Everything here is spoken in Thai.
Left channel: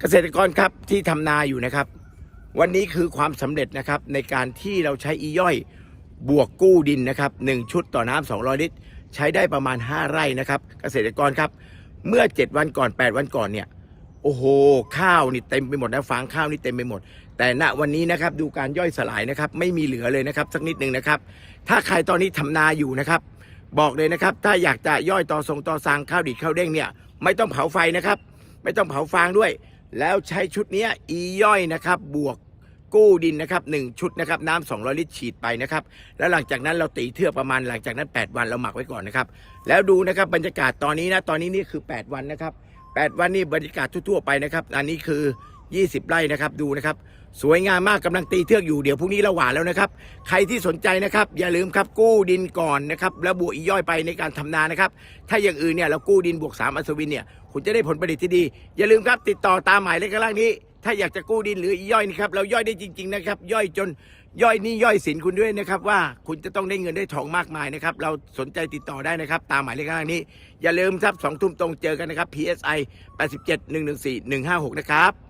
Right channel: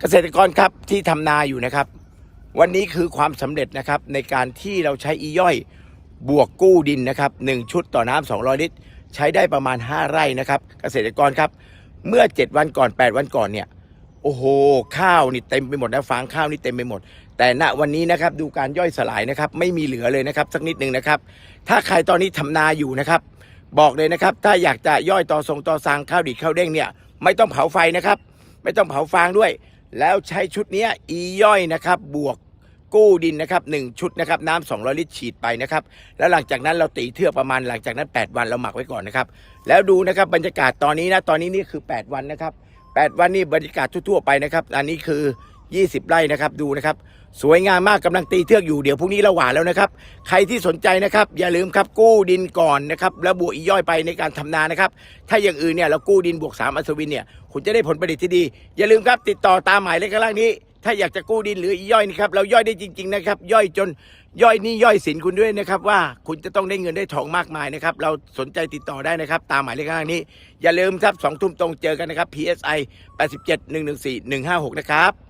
เกษตรกรครับที่ทำนาอยู่นะครับ วันนี้คือความสำเร็จนะครับในการที่เราใช้อีย่อยบวกกู้ดินนะครับหนึ่งชุดต่อน้ำ200 ลิตร ใช้ได้ประมาณ 5 ไร่นะครับ เกษตรกรครับ เมื่อ 7 วันก่อน 8 วันก่อนเนี่ยโอ้โห ข้าวนี่เต็มไปหมดนะฟางข้าวนี่เต็มไปหมด แต่ณวันนี้นะครับดูการย่อยสลายนะครับ ไม่มีเหลือเลยนะครับ สักนิดหนึ่งนะครับ ถ้าใครตอนนี้ทำนาอยู่นะครับ บอกเลยนะครับ ถ้าอยากจะย่อยต่อทรงต่อสางข้าวดีดข้าวเด้งเนี่ยไม่ต้องเผาไฟนะครับ ไม่ต้องเผาฟางด้วย แล้วใช้ชุดนี้อีย่อยนะครับบวกกู้ดินนะครับหนึ่งชุดนะครับน้ำ200ลิตรฉีดไปนะครับแล้วหลังจากนั้นเราตีเทือกประมาณหลังจากนั้น 8 วันเราหมักไว้ก่อนนะครับแล้วดูนะครับบรรยากาศตอนนี้นะตอนนี้นี่คือ 8 วันนะครับ 8 วันนี่บรรยากาศทั่วๆไปนะครับ อันนี้คือ 20 ไร่นะครับดูนะครับ สวยงามมากกำลังตีเทือกอยู่เดี๋ยวพรุ่งนี้เราหวานแล้วนะครับ ใครที่สนใจนะครับ อย่าลืมครับกู้ดินก่อนนะครับแล้วบวกอีย่อยไปในการทำนานะครับ ถ้าอย่างอื่นเนี่ยเรากู้ดินบวกสามอัศวินเนี่ยคุณจะได้ผลผลิตที่ดี อย่าลืมครับติดต่อตามหมายเลขข้างล่างนี้ ถ้าอยากจะกู้ดินหรืออีย่อยนะครับเราย่อยได้จริง ๆนะครับ ย่อยจนย่อยนี่ย่อยสินคุณด้วยนะครับว่าคุณจะต้องได้เงินได้ทองมากมายนะครับ เราสนใจติดต่อได้นะครับ ตามหมายเลขข้างล่างนี้ อย่าลืมครับสองทุ่มตรงเจอกันนะครับ PSI 87 114 156 นะครับ